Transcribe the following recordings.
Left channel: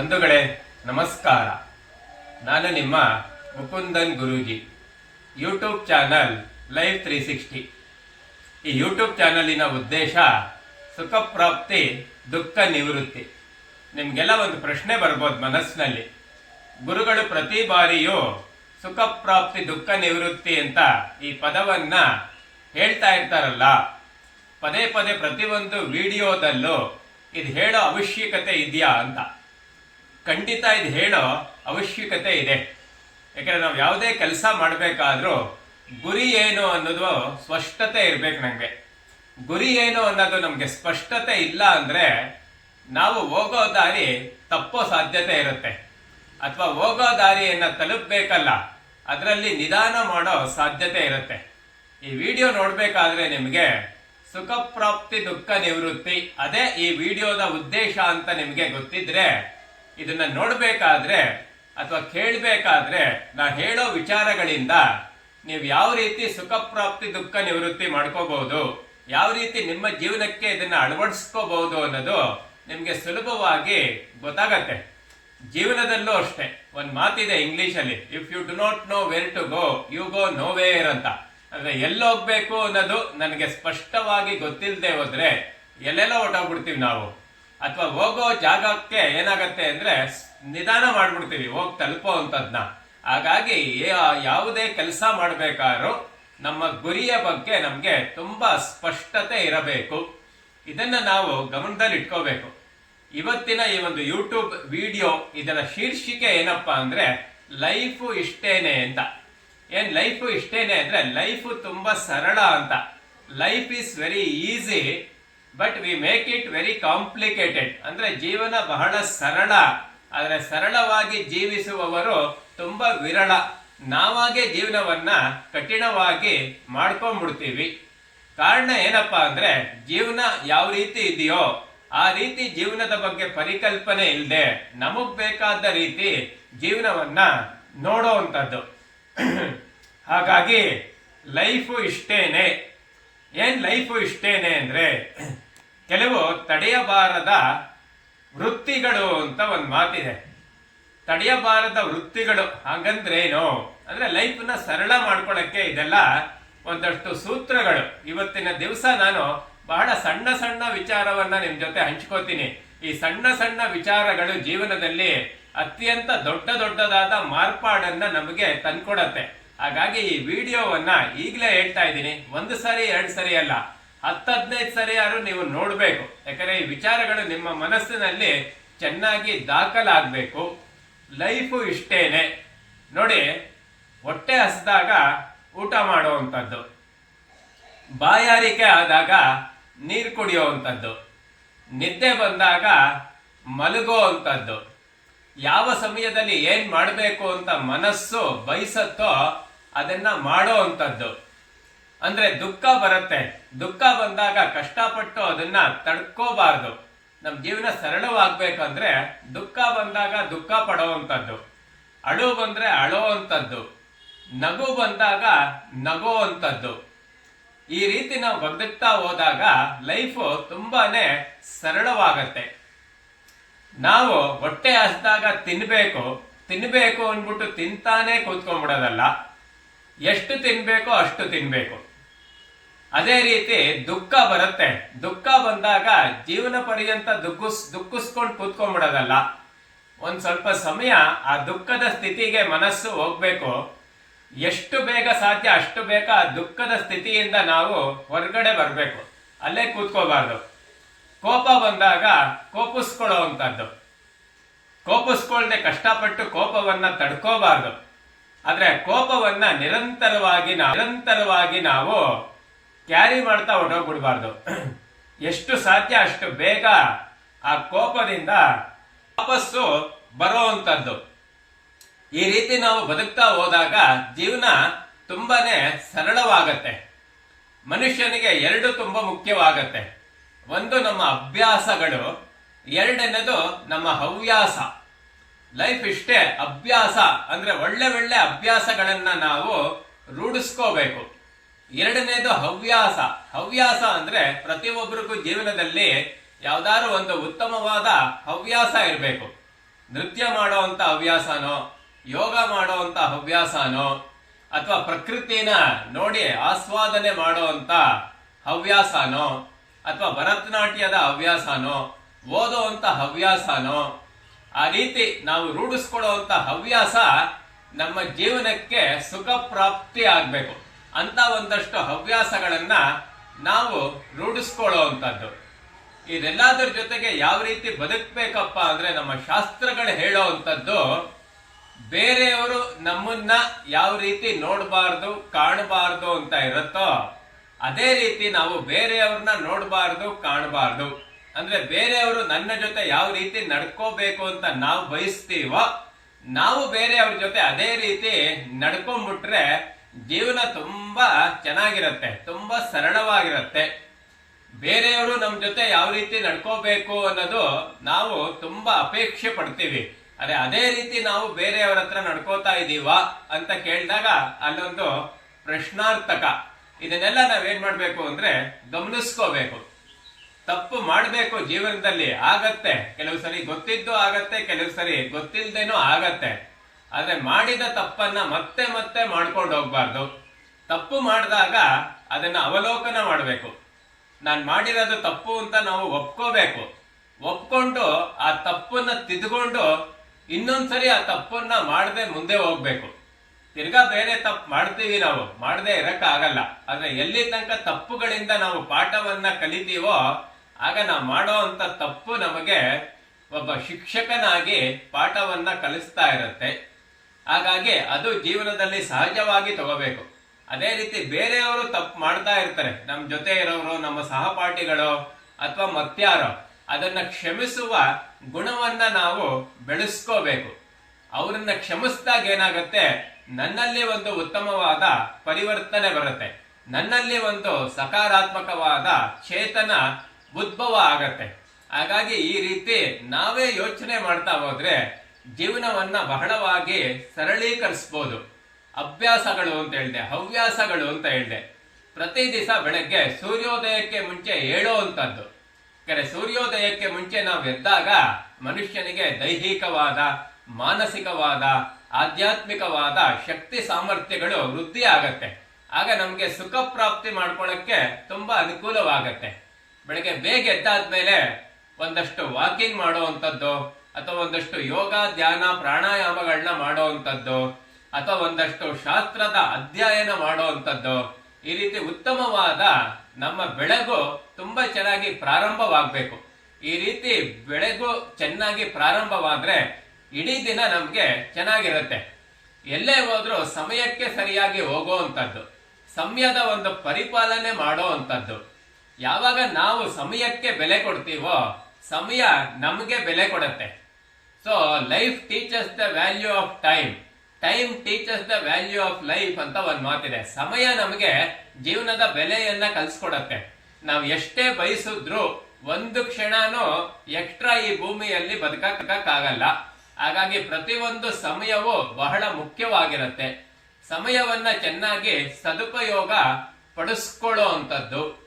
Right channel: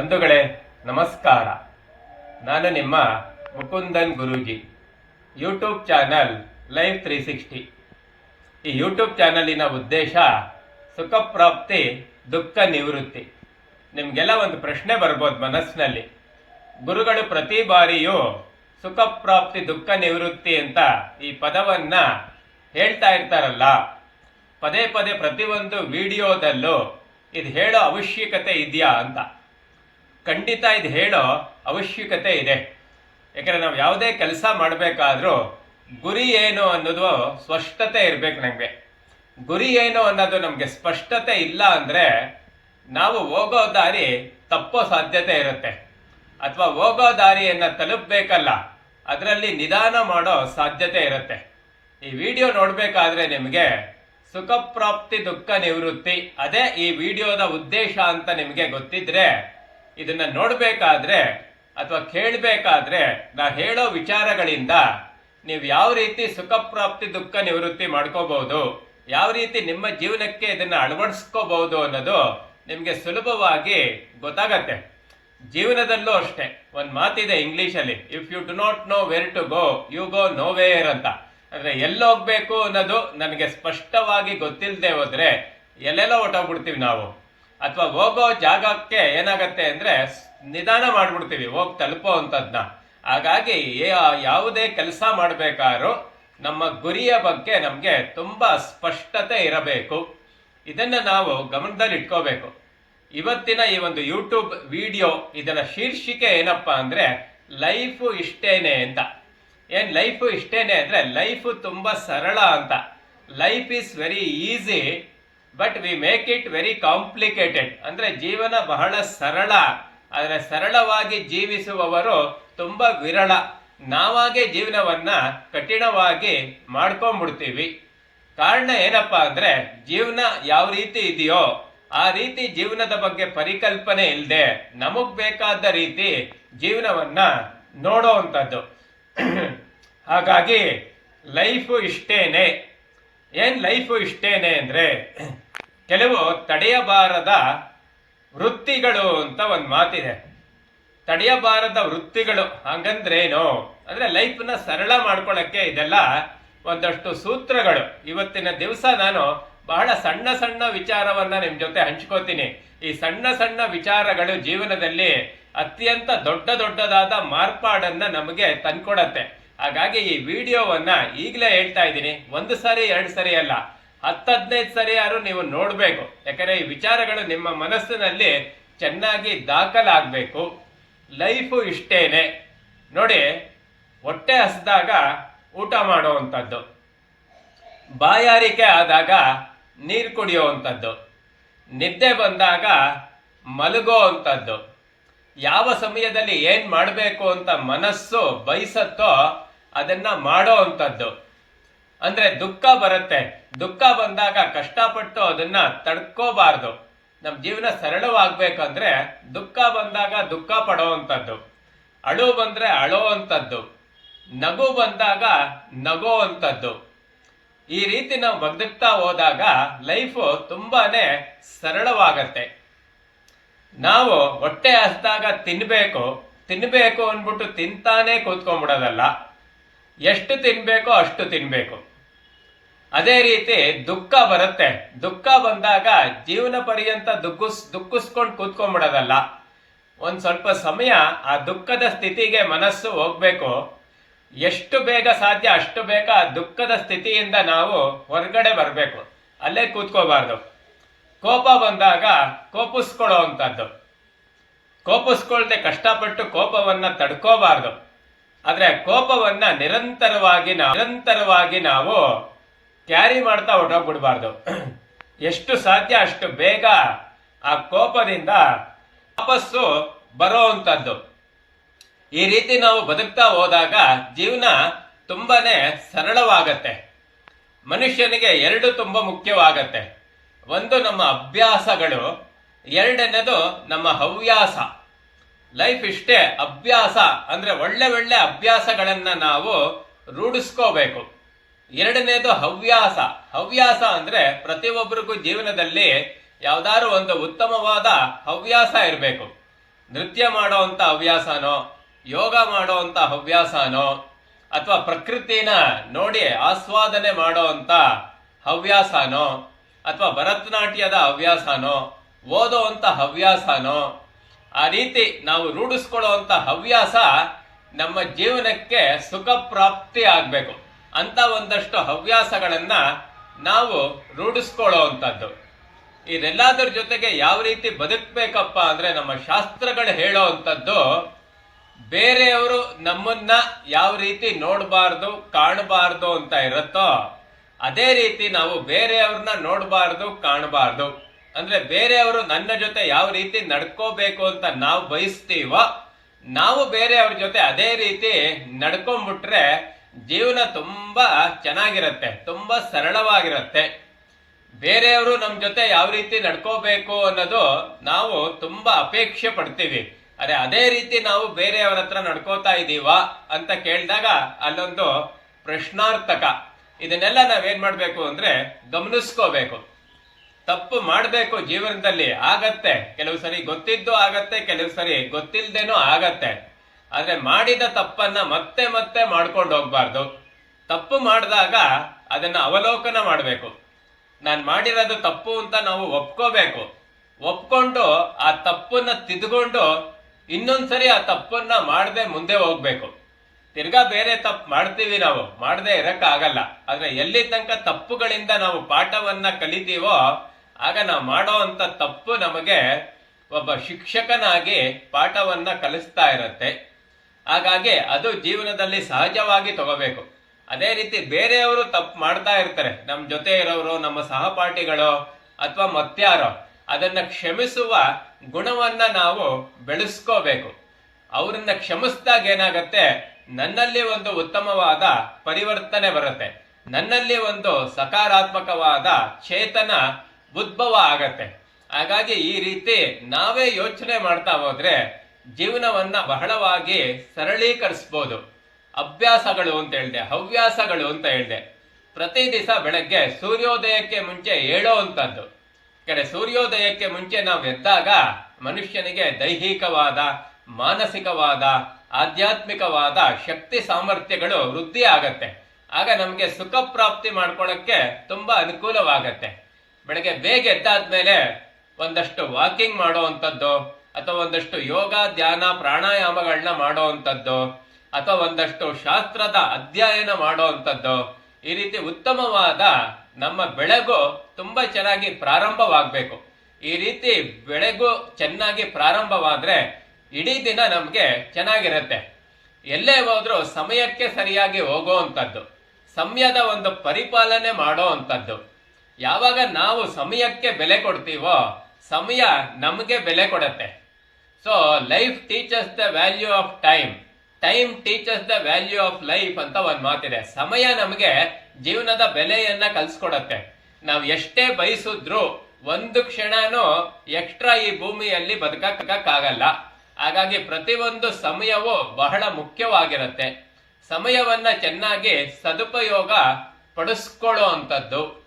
ಬಂಧುಗಳೇ, ನಮಸ್ಕಾರ. ನಾನು ನಿಮ್ಮ Mukundan Guruji. YouTube channel live three sixty ಈ ಯೂಟ್ಯೂಬ್ ಚಾನಲಿನ ಉದ್ದೇಶ ಸುಖ ಪ್ರಾಪ್ತಿ, ದುಃಖ ನಿವೃತ್ತಿ. ನಿಮಗೆಲ್ಲ ಒಂದು ಪ್ರಶ್ನೆ ಬರ್ಬೋದು ಮನಸ್ಸಿನಲ್ಲಿ. ಗುರುಗಳು ಪ್ರತಿ ಬಾರಿಯೂ ಸುಖ ಪ್ರಾಪ್ತಿ, ದುಃಖ ನಿವೃತ್ತಿ ಅಂತ ಈ ಪದವನ್ನ ಹೇಳ್ತಾ ಇರ್ತಾರಲ್ಲ. ಪದೇ ಪದೇ ಪ್ರತಿಯೊಂದು ವಿಡಿಯೋದಲ್ಲೂ ಇದು ಹೇಳೋ ಅವಶ್ಯಕತೆ ಇದೆಯಾ ಅಂತ. ಖಂಡಿತ ಇದು ಹೇಳೋ ಅವಶ್ಯಕತೆ ಇದೆ. ಯಾಕಂದರೆ ನಾವು ಯಾವುದೇ ಕೆಲಸ ಮಾಡಬೇಕಾದ್ರೂ ಗುರಿ ಏನು ಅನ್ನೋದು ಸ್ಪಷ್ಟತೆ ಇರಬೇಕು ನಮಗೆ. ಗುರಿ ಏನು ಅನ್ನೋದು ನಮಗೆ ಸ್ಪಷ್ಟತೆ ಇಲ್ಲ ಅಂದರೆ ನಾವು ಹೋಗೋ ದಾರಿ ತಪ್ಪೋ ಸಾಧ್ಯತೆ ಇರುತ್ತೆ. ಅಥವಾ ಹೋಗೋ ದಾರಿಯನ್ನು ತಲುಪಬೇಕಲ್ಲ, ಅದರಲ್ಲಿ ನಿಧಾನ ಮಾಡೋ ಸಾಧ್ಯತೆ ಇರುತ್ತೆ. ಈ ವಿಡಿಯೋ ನೋಡಬೇಕಾದ್ರೆ ನಿಮಗೆ ಸುಖ ಪ್ರಾಪ್ತಿ ದುಃಖ ನಿವೃತ್ತಿ, ಅದೇ ಈ ವಿಡಿಯೋದ ಉದ್ದೇಶ ಅಂತ ನಿಮಗೆ ಗೊತ್ತಿದ್ರೆ ಇದನ್ನ ನೋಡಬೇಕಾದ್ರೆ ಅಥವಾ ಕೇಳಬೇಕಾದ್ರೆ ನಾ ಹೇಳೋ ವಿಚಾರಗಳಿಂದ ನೀವು ಯಾವ ರೀತಿ ಸುಖ ಪ್ರಾಪ್ತಿ, ದುಃಖ ನಿವೃತ್ತಿ ಮಾಡ್ಕೋಬಹುದು, ಯಾವ ರೀತಿ ನಿಮ್ಮ ಜೀವನಕ್ಕೆ ಇದನ್ನ ಅಳವಡಿಸ್ಕೋಬಹುದು ಅನ್ನೋದು ನಿಮಗೆ ಸುಲಭವಾಗಿ ಗೊತ್ತಾಗತ್ತೆ. ಜೀವನದಲ್ಲೂ ಅಷ್ಟೇ, ಒಂದು ಮಾತಿದೆ ಇಂಗ್ಲೀಷಲ್ಲಿ if you do not know where to go you go nowhere ಅಂತ. ಅಂದ್ರೆ ಎಲ್ಲೋಗ್ಬೇಕು ಅನ್ನೋದು ನನಗೆ ಸ್ಪಷ್ಟವಾಗಿ ಗೊತ್ತಿಲ್ಲದೆ ಹೋದರೆ ಎಲ್ಲೆಲ್ಲೋ ಹೊಟ್ಟೋಗ್ಬಿಡ್ತೀವಿ ನಾವು. ಅಥವಾ ಹೋಗೋ ಜಾಗಕ್ಕೆ ಏನಾಗತ್ತೆ ಅಂದ್ರೆ ನಿಧಾನ ಮಾಡ್ಬಿಡ್ತೀವಿ, ಹೋಗಿ ತಲುಪೋ ಅಂತದ್ನ. ಹಾಗಾಗಿ ಯಾವುದೇ ಕೆಲಸ ಮಾಡಬೇಕಾದ್ರೂ ನಮ್ಮ ಗುರಿಯ ಬಗ್ಗೆ ನಮಗೆ ತುಂಬಾ ಸ್ಪಷ್ಟತೆ ಇರಬೇಕು. ಇದನ್ನ ನಾವು ಗಮನದಲ್ಲಿ ಇಟ್ಕೋಬೇಕು. ಇವತ್ತಿನ ಈ ಒಂದು ಯೂಟ್ಯೂಬ್ ವಿಡಿಯೋ, ಇದರ ಶೀರ್ಷಿಕೆ ಏನಪ್ಪಾ ಅಂದ್ರೆ ಲೈಫ್ ಇಷ್ಟೇನೆ ಅಂತ. ಏನ್ ಲೈಫ್ ಇಷ್ಟೇನೆ ಅಂದ್ರೆ ಲೈಫ್ ತುಂಬಾ ಸರಳ ಅಂತ. Life is very easy but we make it very complicated ಅಂದ್ರೆ ಜೀವನ ಬಹಳ ಸರಳ. ಆದರೆ ಸರಳವಾಗಿ ಜೀವಿಸುವವರು ತುಂಬಾ ವಿರಳ. ನಾವಾಗೆ ಜೀವನವನ್ನ ಕಠಿಣವಾಗಿ ಮಾಡ್ಕೊಂಡ್ಬಿಡ್ತೀವಿ. ಕಾರಣ ಏನಪ್ಪಾ ಅಂದ್ರೆ ಜೀವನ ಯಾವ ರೀತಿ ಇದೆಯೋ ಆ ರೀತಿ ಜೀವನದ ಬಗ್ಗೆ ಪರಿಕಲ್ಪನೆ ಇಲ್ಲದೆ ನಮಗ್ ಬೇಕಾದ ರೀತಿ ಜೀವನವನ್ನ ನೋಡೋವಂಥದ್ದು ಹಾಗಾಗಿ ಲೈಫು ಇಷ್ಟೇನೆ. ಏನ್ ಲೈಫು ಇಷ್ಟೇನೆ ಅಂದ್ರೆ ಕೆಲವು ತಡೆಯಬಾರದ ವೃತ್ತಿಗಳು ಅಂತ ಒಂದು ಮಾತಿದೆ ತಡೆಯಬಾರದ ವೃತ್ತಿಗಳು ಹಾಗಂದ್ರೆ ಏನು ಅಂದ್ರೆ ಲೈಫ್ನ ಸರಳ ಮಾಡ್ಕೊಳ್ಳೋಕ್ಕೆ ಇದೆಲ್ಲ ಒಂದಷ್ಟು ಸೂತ್ರಗಳು. ಇವತ್ತಿನ ದಿವಸ ನಾನು ಬಹಳ ಸಣ್ಣ ಸಣ್ಣ ವಿಚಾರವನ್ನ ನಿಮ್ಮ ಜೊತೆ ಹಂಚ್ಕೋತೀನಿ. ಈ ಸಣ್ಣ ಸಣ್ಣ ವಿಚಾರಗಳು ಜೀವನದಲ್ಲಿ ಅತ್ಯಂತ ದೊಡ್ಡ ದೊಡ್ಡದಾದ ಮಾರ್ಪಾಡನ್ನ ನಮಗೆ ತಂದ್ಕೊಡತ್ತೆ. ಹಾಗಾಗಿ ಈ ವಿಡಿಯೋವನ್ನ ಈಗಲೇ ಹೇಳ್ತಾ ಇದ್ದೀನಿ. ಒಂದು ಸರಿ, ಎರಡು ಸರಿ ಅಲ್ಲ. ಹತ್ತು ಹದಿನೈದು ಸರಿ ಯಾರು ನೀವು ನೋಡಬೇಕು. ಯಾಕಂದ್ರೆ ಈ ವಿಚಾರಗಳು ನಿಮ್ಮ ಮನಸ್ಸಿನಲ್ಲಿ ಚೆನ್ನಾಗಿ ದಾಖಲಾಗಬೇಕು. ಲೈಫು ಇಷ್ಟೇನೆ. ನೋಡಿ, ಹೊಟ್ಟೆ ಹಸಿದಾಗ ಊಟ ಮಾಡುವಂಥದ್ದು. ಬಾಯಾರಿಕೆ ಆದಾಗ ನೀರು ಕುಡಿಯುವಂಥದ್ದು. ನಿದ್ದೆ ಬಂದಾಗ ಮಲಗೋ ಅಂಥದ್ದು ಯಾವ ಸಮಯದಲ್ಲಿ ಏನು ಮಾಡಬೇಕು ಅಂತ ಮನಸ್ಸು ಬಯಸತ್ತೋ ಅದನ್ನ ಮಾಡೋ ಅಂಥದ್ದು ಅಂದ್ರೆ ದುಃಖ ಬರುತ್ತೆ. ದುಃಖ ಬಂದಾಗ ಕಷ್ಟಪಟ್ಟು ಅದನ್ನ ತಡ್ಕೋಬಾರ್ದು. ನಮ್ಮ ಜೀವನ ಸರಳವಾಗ್ಬೇಕಂದ್ರೆ ದುಃಖ ಬಂದಾಗ ದುಃಖ ಪಡೋವಂಥದ್ದು. ಅಳು ಬಂದ್ರೆ ಅಳೋ ಅಂಥದ್ದು. ನಗು ಬಂದಾಗ ನಗೋ ಅಂಥದ್ದು. ಈ ರೀತಿ ನಾವು ಬದುಕ್ತಾ ಹೋದಾಗ ಲೈಫು ತುಂಬಾನೇ ಸರಳವಾಗತ್ತೆ. ನಾವು ಹೊಟ್ಟೆ ಹಸ್ದಾಗ ತಿನ್ಬೇಕು. ತಿನ್ಬೇಕು ಅಂದ್ಬಿಟ್ಟು ತಿಂತಾನೆ ಕೂತ್ಕೊಂಡ್ಬಿಡೋದಲ್ಲ. ಎಷ್ಟು ತಿನ್ಬೇಕೋ ಅಷ್ಟು ತಿನ್ಬೇಕು. ಅದೇ ರೀತಿ ದುಃಖ ಬರುತ್ತೆ. ದುಃಖ ಬಂದಾಗ ಜೀವನ ಪರ್ಯಂತ ದುಃಖಿಸ್ ದುಃಖಿಸ್ಕೊಂಡು ಕೂತ್ಕೊಂಡ್ಬಿಡೋದಲ್ಲ. ಒಂದ್ ಸ್ವಲ್ಪ ಸಮಯ ಆ ದುಃಖದ ಸ್ಥಿತಿಗೆ ಮನಸ್ಸು ಹೋಗ್ಬೇಕು. ಎಷ್ಟು ಬೇಗ ಸಾಧ್ಯ ಅಷ್ಟು ಬೇಗ ಆ ದುಃಖದ ಸ್ಥಿತಿಯಿಂದ ನಾವು ಹೊರಗಡೆ ಬರಬೇಕು. ಅಲ್ಲೇ ಕೂತ್ಕೋಬಾರ್ದು. ಕೋಪ ಬಂದಾಗ ಕೋಪಿಸ್ಕೊಳ್ಳೋ ಅಂಥದ್ದು. ಕೋಪಿಸ್ಕೊಳ್ದೆ ಕಷ್ಟಪಟ್ಟು ಕೋಪವನ್ನ ತಡ್ಕೋಬಾರ್ದು. ಆದ್ರೆ ಕೋಪವನ್ನ ನಿರಂತರವಾಗಿ ನಿರಂತರವಾಗಿ ನಾವು ಕ್ಯಾರಿ ಮಾಡ್ತಾ ಹೊಟ್ಟೋಗ್ಬಿಡ್ಬಾರ್ದು ಎಷ್ಟು ಸಾಧ್ಯ, ಅಷ್ಟು ಬೇಗ ಆ ಕೋಪದಿಂದ ವಾಪಸ್ಸು ಬರೋ ಅಂಥದ್ದು ಈ ರೀತಿ ನಾವು ಬದುಕ್ತಾ ಹೋದಾಗ ಜೀವನ ತುಂಬಾನೇ ಸರಳವಾಗತ್ತೆ. ಮನುಷ್ಯನಿಗೆ ಎರಡು ತುಂಬಾ ಮುಖ್ಯವಾಗತ್ತೆ. ಒಂದು ನಮ್ಮ ಅಭ್ಯಾಸಗಳು, ಎರಡನೇದು ನಮ್ಮ ಹವ್ಯಾಸ. ಲೈಫ್ ಇಷ್ಟೇ ಅಭ್ಯಾಸ ಅಂದ್ರೆ ಒಳ್ಳೆ ಒಳ್ಳೆ ಅಭ್ಯಾಸಗಳನ್ನ ನಾವು ರೂಢಿಸ್ಕೋಬೇಕು. ಎರಡನೇದು ಹವ್ಯಾಸ. ಹವ್ಯಾಸ ಅಂದ್ರೆ ಪ್ರತಿಯೊಬ್ಬರಿಗೂ ಜೀವನದಲ್ಲಿ ಯಾವ್ದಾದ್ರು ಒಂದು ಉತ್ತಮವಾದ ಹವ್ಯಾಸ ಇರಬೇಕು. ನೃತ್ಯ ಮಾಡೋವಂಥ ಹವ್ಯಾಸನೋ, ಯೋಗ ಮಾಡೋವಂಥ ಹವ್ಯಾಸನೋ, ಅಥವಾ ಪ್ರಕೃತಿನ ನೋಡಿ ಆಸ್ವಾದನೆ ಮಾಡೋವಂಥ ಹವ್ಯಾಸನೋ, ಅಥವಾ ಭರತನಾಟ್ಯದ ಹವ್ಯಾಸನೋ, ಓದೋವಂಥ ಹವ್ಯಾಸನೋ, ಆ ರೀತಿ ನಾವು ರೂಢಿಸ್ಕೊಳ್ಳುವಂಥ ಹವ್ಯಾಸ ನಮ್ಮ ಜೀವನಕ್ಕೆ ಸುಖ ಪ್ರಾಪ್ತಿ ಆಗಬೇಕು. ಅಂತ ಒಂದಷ್ಟು ಹವ್ಯಾಸಗಳನ್ನ ನಾವು ರೂಢಿಸ್ಕೊಳ್ಳುವಂಥದ್ದು. ಇದೆಲ್ಲದರ ಜೊತೆಗೆ ಯಾವ ರೀತಿ ಬದುಕಬೇಕಪ್ಪ ಅಂದ್ರೆ ನಮ್ಮ ಶಾಸ್ತ್ರಗಳು ಹೇಳೋ ಅಂಥದ್ದು ಬೇರೆಯವರು ನಮ್ಮನ್ನ ಯಾವ ರೀತಿ ನೋಡಬಾರ್ದು, ಕಾಣಬಾರ್ದು ಅಂತ ಇರುತ್ತೋ, ಅದೇ ರೀತಿ ನಾವು ಬೇರೆಯವ್ರನ್ನ ನೋಡಬಾರ್ದು, ಕಾಣಬಾರ್ದು. ಅಂದ್ರೆ ಬೇರೆಯವರು ನನ್ನ ಜೊತೆ ಯಾವ ರೀತಿ ನಡ್ಕೋಬೇಕು ಅಂತ ನಾವು ಬಯಸ್ತೀವೋ, ನಾವು ಬೇರೆಯವ್ರ ಜೊತೆ ಅದೇ ರೀತಿ ನಡ್ಕೊಂಡ್ಬಿಟ್ರೆ ಜೀವನ ತುಂಬ ಚೆನ್ನಾಗಿರುತ್ತೆ, ತುಂಬ ಸರಳವಾಗಿರುತ್ತೆ. ಬೇರೆಯವರು ನಮ್ಮ ಜೊತೆ ಯಾವ ರೀತಿ ನಡ್ಕೋಬೇಕು ಅನ್ನೋದು ನಾವು ತುಂಬ ಅಪೇಕ್ಷೆ ಪಡ್ತೀವಿ. ಅರೆ, ಅದೇ ರೀತಿ ನಾವು ಬೇರೆಯವರ ಹತ್ರ ನಡ್ಕೋತಾ ಇದ್ದೀವಾ ಅಂತ ಕೇಳಿದಾಗ ಅಲ್ಲೊಂದು ಪ್ರಶ್ನಾರ್ಥಕ. ಇದನ್ನೆಲ್ಲ ನಾವೇನ್ ಮಾಡಬೇಕು ಅಂದ್ರೆ ಗಮನಿಸ್ಕೋಬೇಕು. ತಪ್ಪು ಮಾಡಬೇಕು ಜೀವನದಲ್ಲಿ ಆಗತ್ತೆ, ಕೆಲವು ಸರಿ ಗೊತ್ತಿದ್ದು ಆಗತ್ತೆ, ಕೆಲವು ಸರಿ ಗೊತ್ತಿಲ್ಲದೇನೂ ಆಗತ್ತೆ. ಆದ್ರೆ ಮಾಡಿದ ತಪ್ಪನ್ನ ಮತ್ತೆ ಮತ್ತೆ ಮಾಡ್ಕೊಂಡು ಹೋಗ್ಬಾರ್ದು. ತಪ್ಪು ಮಾಡಿದಾಗ ಅದನ್ನ ಅವಲೋಕನ ಮಾಡಬೇಕು. ನಾನು ಮಾಡಿರೋದು ತಪ್ಪು ಅಂತ ನಾವು ಒಪ್ಕೋಬೇಕು. ಒಪ್ಕೊಂಡು ಆ ತಪ್ಪನ್ನ ತಿದ್ಕೊಂಡು ಇನ್ನೊಂದ್ಸರಿ ಆ ತಪ್ಪನ್ನ ಮಾಡದೆ ಮುಂದೆ ಹೋಗ್ಬೇಕು. ತಿರ್ಗಾ ಬೇರೆ ತಪ್ಪು ಮಾಡ್ತೀವಿ ನಾವು. ಮಾಡದೆ ಇರೋಕ್ಕಾಗಲ್ಲ. ಆದ್ರೆ ಎಲ್ಲಿ ತನಕ ತಪ್ಪುಗಳಿಂದ ನಾವು ಪಾಠವನ್ನ ಕಲಿತೀವೋ, ಆಗ ನಾವು ಮಾಡೋ ತಪ್ಪು ನಮಗೆ ಒಬ್ಬ ಶಿಕ್ಷಕನಾಗಿ ಪಾಠವನ್ನ ಕಲಿಸ್ತಾ ಇರತ್ತೆ. ಹಾಗಾಗಿ ಅದು ಜೀವನದಲ್ಲಿ ಸಹಜವಾಗಿ ತಗೋಬೇಕು. ಅದೇ ರೀತಿ ಬೇರೆಯವರು ತಪ್ಪು ಮಾಡ್ತಾ ಇರ್ತಾರೆ. ನಮ್ಮ ಜೊತೆ ಇರೋರು, ನಮ್ಮ ಸಹಪಾಠಿಗಳು ಅಥವಾ ಮತ್ಯಾರೋ, ಅದನ್ನ ಕ್ಷಮಿಸುವ ಗುಣವನ್ನ ನಾವು ಬೆಳೆಸ್ಕೋಬೇಕು. ಅವರನ್ನ ಕ್ಷಮಿಸಿದಾಗ ಏನಾಗುತ್ತೆ? ನನ್ನಲ್ಲಿ ಒಂದು ಉತ್ತಮವಾದ ಪರಿವರ್ತನೆ ಬರುತ್ತೆ. ನನ್ನಲ್ಲಿ ಒಂದು ಸಕಾರಾತ್ಮಕವಾದ ಚೇತನ ಉದ್ಭವ ಆಗತ್ತೆ. ಹಾಗಾಗಿ ಈ ರೀತಿ ನಾವೇ ಯೋಚನೆ ಮಾಡ್ತಾ ಹೋದ್ರೆ ಜೀವನವನ್ನ ಬಹಳವಾಗಿ ಸರಳೀಕರಿಸ್ಬೋದು. ಅಭ್ಯಾಸಗಳು ಅಂತ ಹೇಳಿದೆ, ಹವ್ಯಾಸಗಳು ಅಂತ ಹೇಳಿದೆ. ಪ್ರತಿ ದಿವಸ ಬೆಳಗ್ಗೆ ಸೂರ್ಯೋದಯಕ್ಕೆ ಮುಂಚೆ ಹೇಳೋವಂಥದ್ದು ಕೆರೆ ಸೂರ್ಯೋದಯಕ್ಕೆ ಮುಂಚೆ ನಾವು ಎದ್ದಾಗ ಮನುಷ್ಯನಿಗೆ ದೈಹಿಕವಾದ, ಮಾನಸಿಕವಾದ, ಆಧ್ಯಾತ್ಮಿಕವಾದ ಶಕ್ತಿ ಸಾಮರ್ಥ್ಯಗಳು ವೃದ್ಧಿ ಆಗತ್ತೆ. ಆಗ ನಮಗೆ ಸುಖ ಪ್ರಾಪ್ತಿ ಮಾಡ್ಕೊಳ್ಳೋಕ್ಕೆ ತುಂಬಾ ಅನುಕೂಲವಾಗತ್ತೆ. ಬೆಳಗ್ಗೆ ಬೇಗ ಎದ್ದಾದ್ಮೇಲೆ ಒಂದಷ್ಟು ವಾಕಿಂಗ್ ಮಾಡುವಂಥದ್ದು ಅಥವಾ ಒಂದಷ್ಟು ಯೋಗ, ಧ್ಯಾನ, ಪ್ರಾಣಾಯಾಮಗಳನ್ನ ಮಾಡುವಂಥದ್ದು ಅಥವಾ ಒಂದಷ್ಟು ಶಾಸ್ತ್ರದ ಅಧ್ಯಯನ ಮಾಡುವಂಥದ್ದು ಈ ರೀತಿ ಉತ್ತಮವಾದ ನಮ್ಮ ಬೆಳಗು ತುಂಬಾ ಚೆನ್ನಾಗಿ ಪ್ರಾರಂಭವಾಗಬೇಕು. ಈ ರೀತಿ ಬೆಳಗು ಚೆನ್ನಾಗಿ ಪ್ರಾರಂಭವಾದ್ರೆ ಇಡೀ ದಿನ ನಮಗೆ ಚೆನ್ನಾಗಿರುತ್ತೆ. ಎಲ್ಲೇ ಹೋದ್ರೂ ಸಮಯಕ್ಕೆ ಸರಿಯಾಗಿ ಹೋಗುವಂಥದ್ದು ಸಮಯದ ಒಂದು ಪರಿಪಾಲನೆ ಮಾಡೋ ಅಂಥದ್ದು. ಯಾವಾಗ ನಾವು ಸಮಯಕ್ಕೆ ಬೆಲೆ ಕೊಡ್ತೀವೋ ಸಮಯ ನಮಗೆ ಬೆಲೆ ಕೊಡುತ್ತೆ. So life teaches the value of time time teaches the value of life ಅಂತ ಒಂದು ಮಾತಿದೆ. ಸಮಯ ನಮಗೆ ಜೀವನದ ಬೆಲೆಯನ್ನ ಕಲ್ಸ್ಕೊಡತ್ತೆ. ನಾವು ಎಷ್ಟೇ ಬಯಸಿದ್ರು ಒಂದು ಕ್ಷಣನೂ ಎಕ್ಸ್ಟ್ರಾ ಈ ಭೂಮಿಯಲ್ಲಿ ಬದುಕಕ್ಕಾಗಲ್ಲ. ಹಾಗಾಗಿ ಪ್ರತಿಯೊಂದು ಸಮಯವು ಬಹಳ ಮುಖ್ಯವಾಗಿರುತ್ತೆ. ಸಮಯವನ್ನ ಚೆನ್ನಾಗಿ ಸದುಪಯೋಗ ಪಡಿಸ್ಕೊಳ್ಳೋ ಅಂಥದ್ದು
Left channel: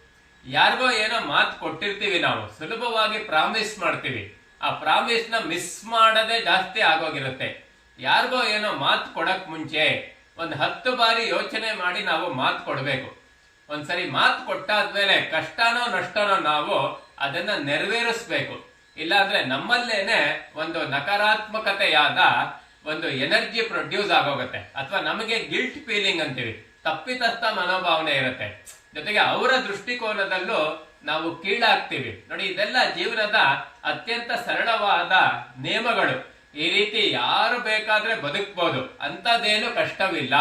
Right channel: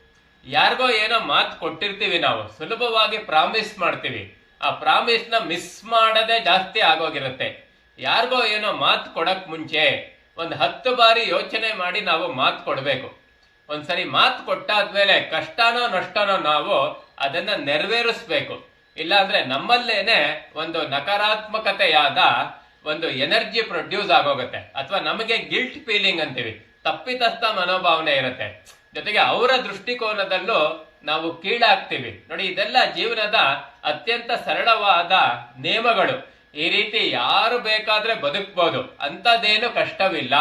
ಯಾರಿಗೋ ಏನೋ ಮಾತು ಕೊಟ್ಟಿರ್ತೀವಿ ನಾವು, ಸುಲಭವಾಗಿ ಪ್ರಾಮಿಸ್ ಮಾಡ್ತೀವಿ. ಆ ಪ್ರಾಮಿಸ್ನ ಮಿಸ್ ಮಾಡದೆ ಜಾಸ್ತಿ ಆಗೋಗಿರುತ್ತೆ. ಯಾರಿಗೋ ಏನೋ ಮಾತು ಕೊಡಕ್ ಮುಂಚೆ ಒಂದು ಹತ್ತು ಬಾರಿ ಯೋಚನೆ ಮಾಡಿ ನಾವು ಮಾತು ಕೊಡಬೇಕು. ಒಂದ್ಸರಿ ಮಾತು ಕೊಟ್ಟಾದ್ಮೇಲೆ ಕಷ್ಟನೋ ನಷ್ಟನೋ ನಾವು ಅದನ್ನ ನೆರವೇರಿಸ್ಬೇಕು. ಇಲ್ಲಾಂದ್ರೆ ನಮ್ಮಲ್ಲೇನೆ ಒಂದು ನಕಾರಾತ್ಮಕತೆಯಾದ ಒಂದು ಎನರ್ಜಿ ಪ್ರೊಡ್ಯೂಸ್ ಆಗೋಗುತ್ತೆ. ಅಥವಾ ನಮಗೆ ಗಿಲ್ಟ್ ಫೀಲಿಂಗ್ ಅಂತೀವಿ. ತಪ್ಪಿತಸ್ಥ ಮನೋಭಾವನೆ ಇರುತ್ತೆ. ಜೊತೆಗೆ ಅವರ ದೃಷ್ಟಿಕೋನದಲ್ಲೂ ನಾವು ಕೀಳಾಗ್ತೀವಿ. ನೋಡಿ, ಇದೆಲ್ಲ ಜೀವನದ ಅತ್ಯಂತ ಸರಳವಾದ ನಿಯಮಗಳು. ಈ ರೀತಿ ಯಾರು ಬೇಕಾದ್ರೆ ಬದುಕ್ಬೋದು. ಅಂತದೇನು ಕಷ್ಟವಿಲ್ಲ.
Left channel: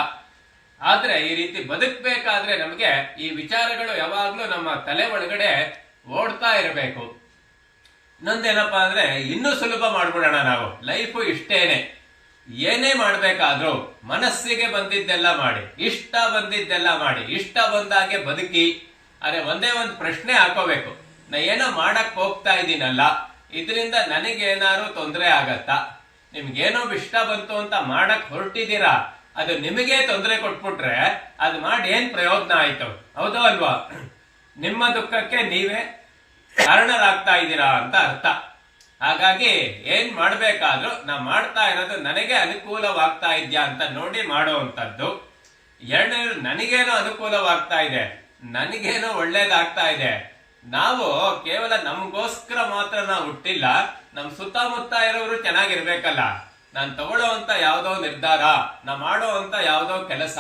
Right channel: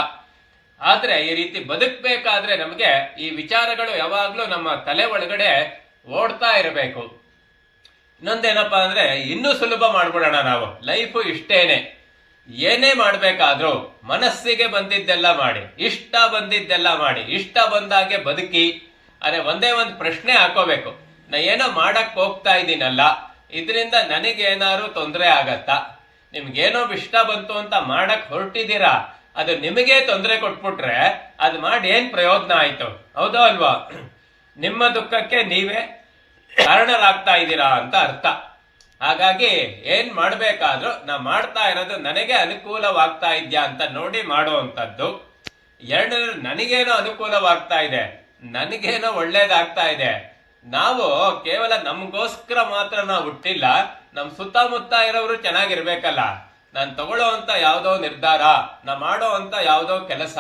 ಆದ್ರೆ ಈ ರೀತಿ ಬದುಕ್ಬೇಕಾದ್ರೆ ನಮಗೆ ಈ ವಿಚಾರಗಳು ಯಾವಾಗ್ಲೂ ನಮ್ಮ ತಲೆ ಒಳಗಡೆ ಓಡ್ತಾ ಇರಬೇಕು. ಇನ್ನೊಂದೇನಪ್ಪಾ ಅಂದ್ರೆ ಇನ್ನೂ ಸುಲಭ ಮಾಡ್ಬಿಡೋಣ ನಾವು. ಲೈಫು ಇಷ್ಟೇನೆ. ಏನೇ ಮಾಡಬೇಕಾದ್ರೂ ಮನಸ್ಸಿಗೆ ಬಂದಿದ್ದೆಲ್ಲ ಮಾಡಿ, ಇಷ್ಟ ಬಂದಿದ್ದೆಲ್ಲ ಮಾಡಿ, ಇಷ್ಟ ಬಂದಾಗೆ ಬದುಕಿ, ಅರೆ ಒಂದೇ ಒಂದು ಪ್ರಶ್ನೆ ಹಾಕೋಬೇಕು. ನಾ ಏನೋ ಮಾಡಕ್ ಹೋಗ್ತಾ ಇದ್ದೀನಲ್ಲ ಇದರಿಂದ ನನಗೇನಾದ್ರು ತೊಂದರೆ ಆಗತ್ತಾ? ನಿಮ್ಗೇನೋ ಇಷ್ಟ ಬಂತು ಅಂತ ಮಾಡಕ್ ಹೊರಟಿದ್ದೀರಾ? ಅದು ನಿಮಗೆ ತೊಂದರೆ ಕೊಟ್ಬಿಟ್ರೆ ಅದು ಮಾಡಿ ಏನ್ ಪ್ರಯೋಜನ ಆಯ್ತು? ಹೌದೋ ಅಲ್ವಾ? ನಿಮ್ಮ ದುಃಖಕ್ಕೆ ನೀವೇ ಕಾರಣರಾಗ್ತಾ ಇದ್ದೀರಾ ಅಂತ ಅರ್ಥ. ಹಾಗಾಗಿ ಏನ್ ಮಾಡ್ಬೇಕಾದ್ರೂ ನಾ ಮಾಡ್ತಾ ಇರೋದು ನನಗೆ ಅನುಕೂಲವಾಗ್ತಾ ಇದ್ಯಾ ಅಂತ ನೋಡಿ ಮಾಡುವಂಥದ್ದು ಎರಡು, ನನಗೇನೋ ಅನುಕೂಲವಾಗ್ತಾ ಇದೆ. ನನಗೇನೋ ಒಳ್ಳೇದಾಗ್ತಾ ಇದೆ. ನಾವು ಕೇವಲ ನಮಗೋಸ್ಕರ ಮಾತ್ರ ನಾವು ಹುಟ್ಟಿಲ್ಲ, ನಮ್ ಸುತ್ತಮುತ್ತ ಇರೋರು ಚೆನ್ನಾಗಿರ್ಬೇಕಲ್ಲ. ನಾನು ತಗೊಳ್ಳೋವಂತ ಯಾವುದೋ ನಿರ್ಧಾರ, ನಾ ಅಂತ ಯಾವುದೋ ಕೆಲಸ,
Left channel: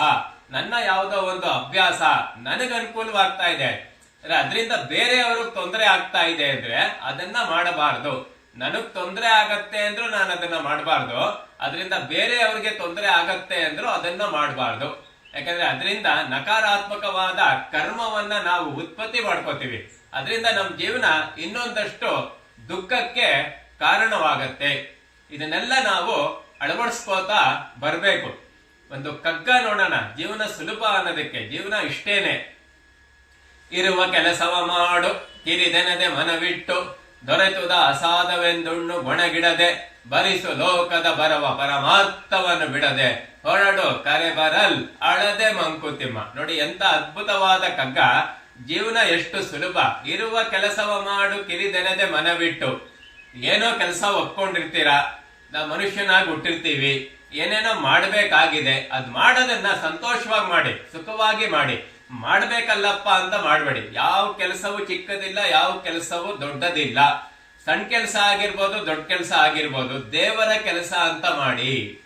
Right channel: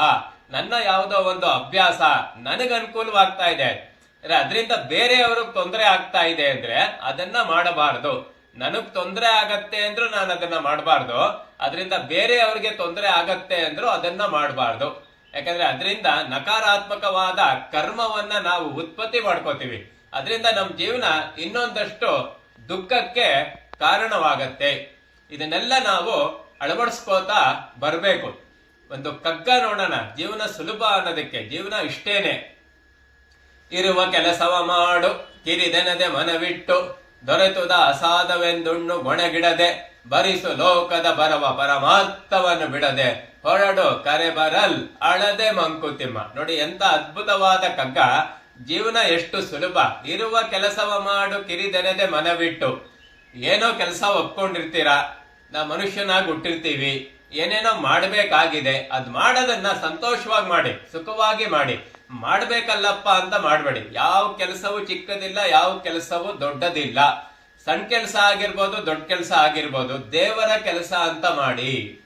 ನನ್ನ ಯಾವುದೋ ಒಂದು ಅಭ್ಯಾಸ ನನಗೆ ಅನುಕೂಲವಾಗ್ತಾ ಇದೆ. ಅದರಿಂದ ಬೇರೆಯವ್ರಿಗೆ ತೊಂದರೆ ಆಗ್ತಾ ಇದೆ ಅಂದ್ರೆ ಅದನ್ನ ಮಾಡಬಾರದು. ನನಗ್ ತೊಂದರೆ ಆಗತ್ತೆ ಅಂದ್ರೂ ನಾನು ಅದನ್ನ ಮಾಡಬಾರ್ದು. ಅದರಿಂದ ಬೇರೆಯವ್ರಿಗೆ ತೊಂದರೆ ಆಗತ್ತೆ ಅಂದ್ರು ಅದನ್ನ ಮಾಡಬಾರ್ದು. ಯಾಕಂದ್ರೆ ಅದರಿಂದ ನಕಾರಾತ್ಮಕವಾದ ಕರ್ಮವನ್ನ ನಾವು ಉತ್ಪತ್ತಿ ಮಾಡ್ಕೋತೀವಿ. ಅದರಿಂದ ನಮ್ಮ ಜೀವನ ಇನ್ನೊಂದಷ್ಟು ದುಃಖಕ್ಕೆ ಕಾರಣವಾಗತ್ತೆ. ಇದನ್ನೆಲ್ಲ ನಾವು ಅಳವಡಿಸ್ಕೋತಾ ಬರಬೇಕು. ಒಂದು ಕಗ್ಗ ನೋಡೋಣ. ಜೀವನ ಸುಲಭ ಅನ್ನೋದಕ್ಕೆ, ಜೀವನ ಇಷ್ಟೇನೆ. ಇರುವ ಕೆಲಸವ ಮಾಡು. ಕಿರಿದೆನದೆ ಮನವಿಟ್ಟು. ದೊರೆತುದ ಅಸಾಧವೆಂದುಣ್ಣು ಗೊಣಗಿಡದೆ ಬರಿಸು ಲೋಕದ ಬರವ ಪರಮಾರ್ಥವನ್ನು ಬಿಡದೆ. ಹೊರಡು ಕರೆ ಬರಲ್ ಅಳದೆ ಮಂಕುತಿಮ್ಮ. ನೋಡಿ ಎಂತ ಅದ್ಭುತವಾದ ಕಗ್ಗ. ಜೀವನ ಎಷ್ಟು ಸುಲಭ. ಇರುವ ಕೆಲಸವ ಮಾಡು ಕಿರಿದೆನದೆ ಮನವಿಟ್ಟು. ಏನೋ ಕೆಲಸ ಒಪ್ಕೊಂಡಿರ್ತೀರಾ? ನಾ ಮನುಷ್ಯನಾಗಿ ಹುಟ್ಟಿರ್ತೀವಿ. ಏನೇನೋ ಮಾಡಬೇಕಾಗಿದೆ. ಅದ್ ಮಾಡೋದನ್ನ ಸಂತೋಷವಾಗಿ ಮಾಡಿ, ಸುಖವಾಗಿ ಮಾಡಿ. ಮಾಡ್ಬೇಕಲ್ಲಪ್ಪ ಅಂತ ಮಾಡಬೇಡಿ. ಯಾವ ಕೆಲಸವೂ ಚಿಕ್ಕದಿಲ್ಲ, ಯಾವ ಕೆಲಸವೂ ದೊಡ್ಡದಿಲ್ಲ. ಸಣ್ಣ ಕೆಲಸ ಆಗಿರ್ಬೋದು, ದೊಡ್ಡ ಕೆಲಸ ಆಗಿರ್ಬೋದು. ದೇವರ ಕೆಲಸ ಅಂತ ಮಾಡಿ.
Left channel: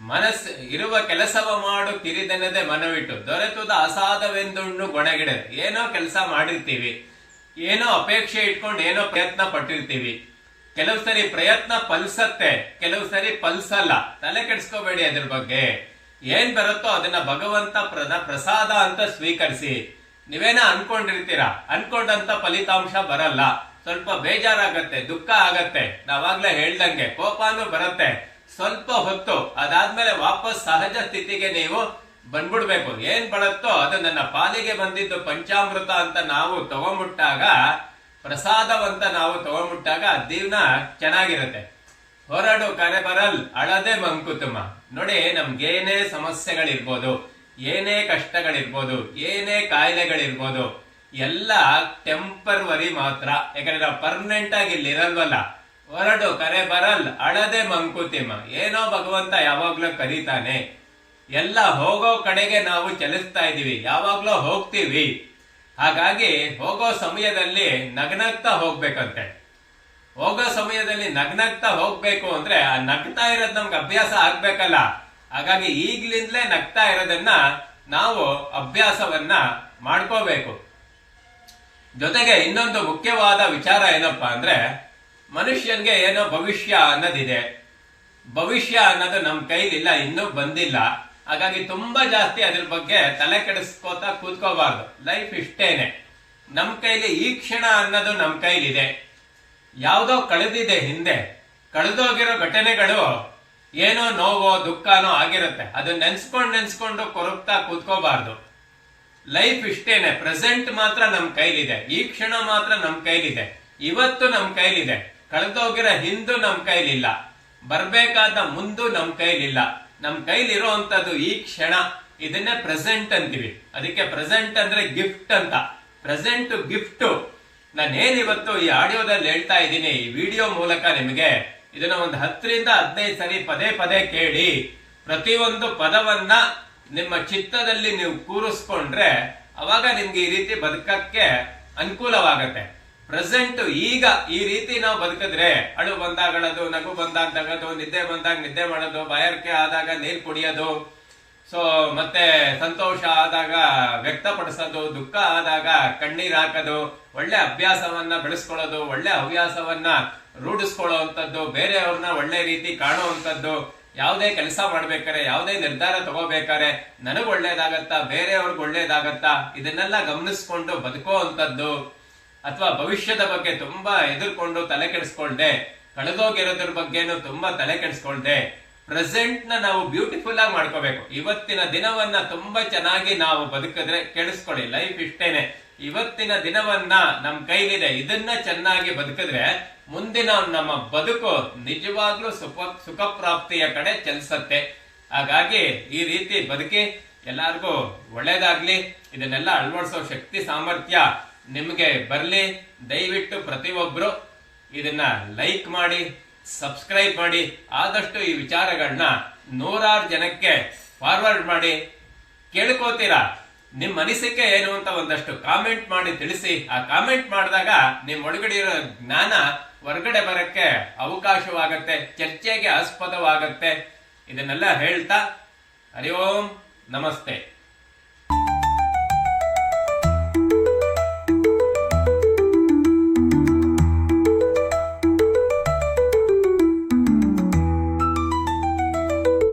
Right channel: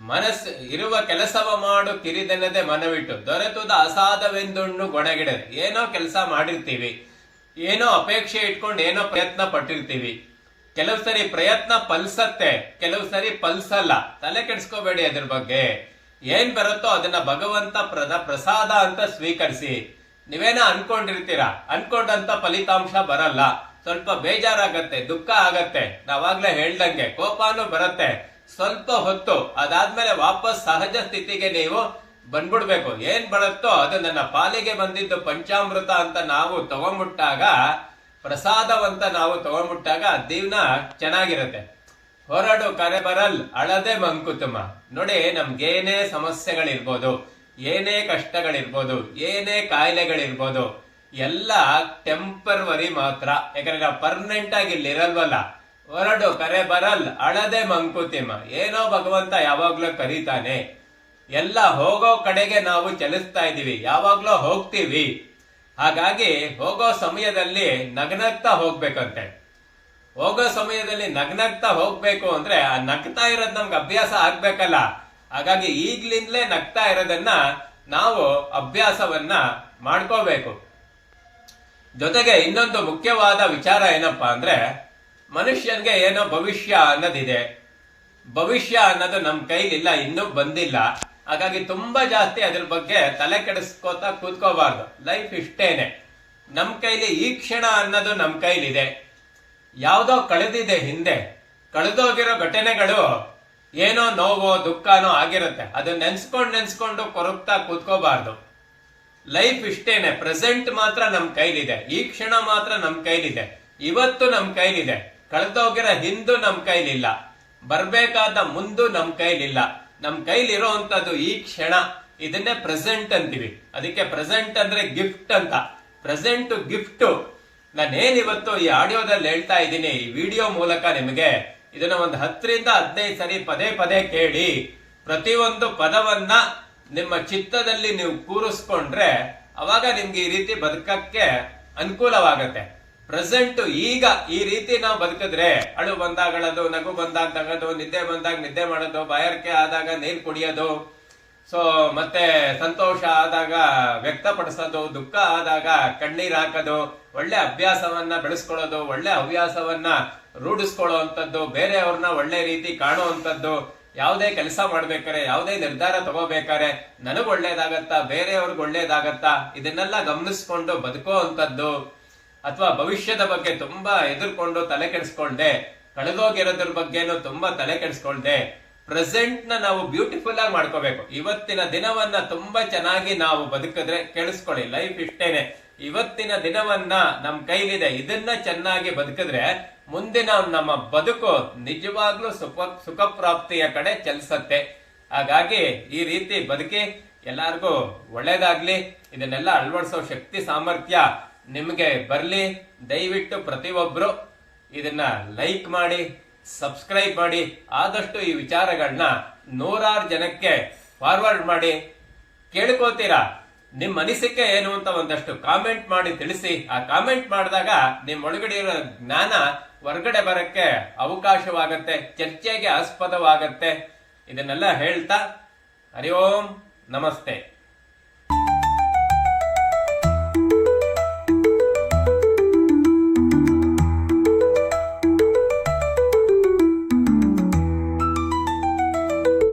ಮನಸ್, ಇರುವ ಕೆಲಸವ ಮಾಡು ಕಿರಿದೆನದೆ ಮನವಿಟ್ಟು. ದೊರೆತುದ ಅಸಾಧವೆಂದುಣ್ಣು ಗೊಣಗಿಡ ಏನೋ ಕೆಲಸ ಮಾಡಿರ್ತೀವಿ. ಏನೋ ಅಪೇಕ್ಷೆ ಇಟ್ಕೊಂಡು ಏನೋ ಪ್ರಯತ್ನ ಪಟ್ಟಿರ್ತೀವಿ. ಕೆಲವು ಸರಿ ಪ್ರಯತ್ನ ಪಲ್ಸತ್ತೆ ಕೆಲವು ಸರಿ ಪಲ್ಸಲ್ಲ ತಲೆ ಕೆಡಿಸ್ಕೋಬೇಡಿ ಅದ್ರ ಬಗ್ಗೆ. ಏನ್ ಬರುತ್ತೋ ಅದನ್ನ ಭಗವಂತ ಪ್ರದ ಪ್ರಸಾದ ಅಂತ ಸ್ವೀಕರಿಸಿ. ನೀವೇನ ಅನ್ಕೊಂಡಿರ್ತೀರಾ? ಅನ್ಕೊಂಡಂತ ಫಲಿತಾಂಶ ಬರಲ್ಲ. ಸ್ವಲ್ಪ ಬೇಜಾರಾಗತ್ತೆ, ದುಃಖ ಆಗತ್ತೆ. ನಾವಾಗ್ಲೇ ಹೇಳ್ದಂಗೆ ಕೋಪಾನು ಬರುತ್ತೆ. ಸ್ವಲ್ಪ ಹೊತ್ತು, ಅದಾದ್ಮೇಲೆ ವಾಪಸ್ ಸಹಜ ಸ್ಥಿತಿಗೆ ನೀವು ಬಂದ್ಬಿಡ್ಬೇಕು. ಏನ್ ಬರುತ್ತೋ ಅದು ನನ್ನ ಪಾಲಿಗೆ ಬಂದಿದ್ದು ಪಂಚಾಮೃತ ಅಂತ ನಾವು ತಗೊಂಬಿಟ್ಟಾಗ, ಪ್ರಸಾದವಂತ ನಾವು ತಗೊಂಬಿಟ್ಟಾಗ ಜೀವನ ಚೆನ್ನಾಗಿರುತ್ತೆ. ಹೊರಡು ಕರೆ ಬರಲ್, ಅಳದೆ ಮಂಕುತುಮ. ನೋಡಿ ನಮ್ಗೇನೇ ಸಮಸ್ಯೆಗಳಿರ್ಬೋದು, ಏನೇ ಕಷ್ಟಗಳಿರ್ಬೋದು, ಏನೇ ಕಾಯಿಲೆಗಳಿರ್ಬೋದು, ಎಲ್ಲ ಟೆಂಪರ್ವರಿ ಮಾತ್ರ. ಯಾಕಂದ್ರೆ ನಾವು ಪರ್ಮನೆಂಟ್ ಆಗಿ ಇಲ್ಲಿ ಇರಲ್ವಲ್ಲ. ಹೊರಡು ಕರೆ ಬರಲ್, ಅಳದೆ ಮಂಕುತಿಮ್ಮ ಏನೋ ಭಗವಂತ ಯಾವಾಗ್ಲೂ ಕರೀತಾನೆ. ಎಲ್ಲ ಹೋಗೋ ಕಡೆಗೆ ನಾವು ಚಲಿಸ್ತಾ ಇದೀವಿ ಯಾವಾಗ್ಲೂ ಹೋಗ್ತೀವಿ. ಹಾಗಾಗಿ ಹೋಗೋ ಸಮಯದಲ್ಲಿ ನಗನಗ್ತಾ ಹೋಗ್ಬೇಕಂತೆ. ಹೋಗೋ ಸಮಯದಲ್ಲಿ ನಗ್ನಗ್ತಾ ಹೋಗ್ಬೇಕು ಅಂದ್ರೆ ಆ ನಗ್ತಾ ಇರೋದ್ ನಮ್ಗೆ ಅಭ್ಯಾಸ ಆಗ್ಬೇಕಲ್ಲ. ಹಾಗಾಗಿ ಈಗ್ಲಿಂದಲೇ ನಗ್ತಾ ಇರೋದನ್ನ ನಾವು ಅಭ್ಯಾಸವನ್ನ ಮಾಡ್ಕೋಬೇಕು. ಜೊತೆಗೆ ಇನ್ನೊಂದು ಮುಖ್ಯವಾದ ವಿಚಾರ ಏನಪ್ಪಾ ಅಂದ್ರೆ, ಮನುಷ್ಯನ್ಗೆ ಏನೋ ಭವಿಷ್ಯ ಅನ್ನೋದಿದೆ. ಭವಿಷ್ಯ ಅನ್ನೋದು ನಮ್ ಕೈಲಿಲ್ಲ, ಇನ್ನೂ ಬಂದಿಲ್ಲ. ಹಾಗಾಗಿ ತುಂಬಾ ಜಾಸ್ತಿ ಅದ್ರ ಬಗ್ಗೆ ತಲೆ ಕೆಡಿಸ್ಕೋತಾ ಕೂತ್ಕೋಬಾರ್ದು. ಲೈಫ್ ಇಷ್ಟೇನೆ. ನಮ್ ಕೈಲಿ ಈ ಕ್ಷಣ ಅನ್ನೋದು ನಮ್ ಕೈಲಿದೆ. ಯಾವ್ದೋ ಕಳೆದಿದೆ ಹಿಂದೆ. ಕಳೆದೋಗಿರೋ ಘಟನೆಗಳು ಏನೋ ನೋವೋ ದುಃಖನೋ ಆಗಿರುತ್ತೆ. ಅದು ನೆನ್ಸ್ಕೊಂಡು ನೆನ್ಸ್ಕೊಂಡು ಕೊರಗ್ತಾ ಕೂತ್ಕೋಬಾರ್ದು. ಲೈಫ್ ಇಷ್ಟೇನೆ. ಪ್ರೆಸೆಂಟ್ ಮಾತ್ರ ನಮ್ ಕೈಲಿದೆ. ಈ ಕ್ಷಣ ಮಾತ್ರ ನಮ್ ಕೈಲಿದೆ. ಇವತ್ತು ನಮ್ ಕೈಲಿದೆ. ಕಳೆದೋಗಿರೋ ಹಿಂದು ನಮ್ ಕೈಲಿಲ್ಲ. ಬರ್ಬೇಕಾದ ಮುಂದು ನಮ್ ಕೈಲಿಲ್ಲ. ನಮ್ ಕೈಲಿರೋಂಥದ್ದು ಈ ಕ್ಷಣ. ಇದನ್ನೇ ಪ್ರೆಸೆಂಟ್ ಅಂತೀವಿ. ಅದಕ್ಕೆ ಪ್ರೆಸೆಂಟ್ ಅಂದ್ರೆ ಗಿಫ್ಟ್ ಅಂತ. ಪ್ರೆಸೆಂಟ್ ಗಿಫ್ಟ್ ನಾನೇನ್ ಇವತ್ತು ಈ ಆಡಿಯೋದಲ್ಲಿ ಹೇಳ್ತಾ ಇದ್ದೀನಿ, ಈ ವಿಡಿಯೋ ಮೂಲಕ ನಿಮಗೆ ಇದನ್ನ ಒಂದು ಹತ್ತರಿಂದ ಹದಿನೈದು ಸರಿ ಪದೇ ಪದೇ ಕೇಳಿ, ಪ್ರತಿಯೊಂದು ಪದವನ್ನ ನಿಮ್ಮ ಚಿತ್ತದಲ್ಲಿ ನೀವು ಕೂರಿಸ್ಕೊಂಡ್ರೆ ಅವಾಗ ನಿಮ್ಗೆ ಈ ರೀತಿ ಬದುಕಕ್ಕೆ ಅನುಕೂಲವಾಗತ್ತೆ. ಪ್ರೆಸೆಂಟ್ ಈಗ ಈ ರೀತಿ ನಾವು ಬದುಕಿದ್ರೆ, ಅಳು ಬಂದಾಗಳದು, ನಗು ಬಂದಾಗ ತಗೋದು ನಿದ್ದೆ ಬಂದಾಗ ನಿದ್ದೆ ಮಾಡೋದು, ಬಾಯಾರಿಕೆ ಆದಾಗ ನೀರು ಕುಡಿಯೋದು ಸೊ ಮತ್ತೆ ಸಂತೋಷ ಆದಾಗ, ವ್ಯಕ್ತಪಡಿಸೋದು, ದುಃಖ ಆದಾಗ ಕಣ್ಣೀರ್ ಹಾಕೋದು, ಒಳ್ಳೆ ಅಭ್ಯಾಸವನ್ನ ಬೆಳೆಸ್ಕೊಳ್ಳೋದು, ಒಳ್ಳೆ ಹವ್ಯಾಸವನ್ನ ರೂಢಿಸ್ಕೊಳ್ಳುವಂಥದ್ದು, ಬೇರೆಯವ್ರನ್ನ ಒಳ್ಳೆ ರೀತಿ ಕಾಣುವಂಥದ್ದು, ಯಾವುದೇ ಕೆಲಸ ಮಾಡ್ಬೇಕಾರೆ, ಯಾವುದೇ ನಿರ್ಧಾರ ತಗೋಬೇಕಾರೆ, ನನಗ್ ಒಳ್ಳೇದಾಗತ್ತಾ, ಬೇರೆಯವ್ರಿಗೆ ಒಳ್ಳೇದಾಗತ್ತಾ, ಇದನ್ನೆಲ್ಲ ಗಮನಿಸ್ಕೊಂಡು ಬದುಕೋ ಅಂತದ್ದು ಅಥವಾ ಭವಿಷ್ಯದ ಬಗ್ಗೆ ತುಂಬಾ ಎದುರ್ಕೊಂಡು ತಲೆ ಕೆಡಿಸ್ಕೊಳ್ದೆ ಕಳೆದೋಗಿರೋದ್ರ ಬಗ್ಗೆನೂ ತುಂಬಾ ತಲೆ ಕೆಡಿಸ್ಕೊಳ್ದೆ ಪ್ರೆಸೆಂಟ್ನ ನಾವು ಬ್ಯೂಟಿಫುಲ್ ಆಗಿ ಮಾಡ್ಕೋಬೇಕು. ಇವತ್ತಿನ ದಿನವನ್ನ ತುಂಬಾ ಚೆನ್ನಾಗಿ ನಾವು ಬದುಕಿದ್ರೆ ಕೇಳಿಸ್ಕೊಳ್ಳಿ ಲೈಫ್ ಇಷ್ಟೇನೆ. ಇವತ್ತಿನ ದಿನವನ್ನ ನಮ್ ಕೈಲಿದೆ. ಇದನ್ನ ಚೆನ್ನಾಗಿ ಬದುಕಿದ್ರೆ ಮುಂದಿನ ನಮ್ಮ ಬದುಕು ನಿಜವಾಗ್ಲೂ ಸುಖ ಸುಖ ಪ್ರಾಪ್ತಿಯ ಕಡೆ ಚಲಿಸತ್ತೆ. ಹಾಗಾಗಿ ಈ ರೀತಿ ಬದುಕಿ ಎಲ್ಲಾರ್ಗೂ ಒಳ್ಳೇದಾಗ್ಲಿ. ಇದನ್ನೆಲ್ಲ ಅಳವಡಿಸೋ ಶಕ್ತಿ, ಸಾಮರ್ಥ್ಯ ನಿಮಗೆ ಬರಲಿ. ದಯವಿಟ್ಟು ಪ್ರತಿಯೊಬ್ಬರು ಇದನ್ನ ಲೈಕ್ ಮಾಡಿ ಸಬ್ಸ್ಕ್ರೈಬ್ ಮಾಡಿ, ಆದಷ್ಟು ಈ ವಿಚಾರಗಳನ್ನ ನೂರಾರು ಜನಕ್ಕೆ ಫಾರ್ವರ್ಡ್ ಮಾಡಿ. ಕೇಳ್ಕೋತೀರಾ ನಿಮ್ಮ ಅನಿಸಿಕೆ ಏನು ಅಂತ ಒಂದಷ್ಟು ಕಾಮೆಂಟ್ ಮಾಡಿ ತಿಳಿಸಿ. ಆ ಕಾಮೆಂಟ್ ಮಾಡಿದಾಗ ನಿಮ್ಮ ಒಳಗಡೆ ಇರೋ ಜ್ಞಾನ ಹೊರಗಡೆ ಬರಕ್ಕೆ ಅವಕಾಶವಾಗತ್ತೆ, ಚರ್ಚೆಗೆ ಆಸ್ಪದವಾಗತ್ತೆ. ಇದನ್ನೆಲ್ಲ ಹೇಳ್ತಾ ಹರಿ ಓಂ, ನಮಸ್ತೆ.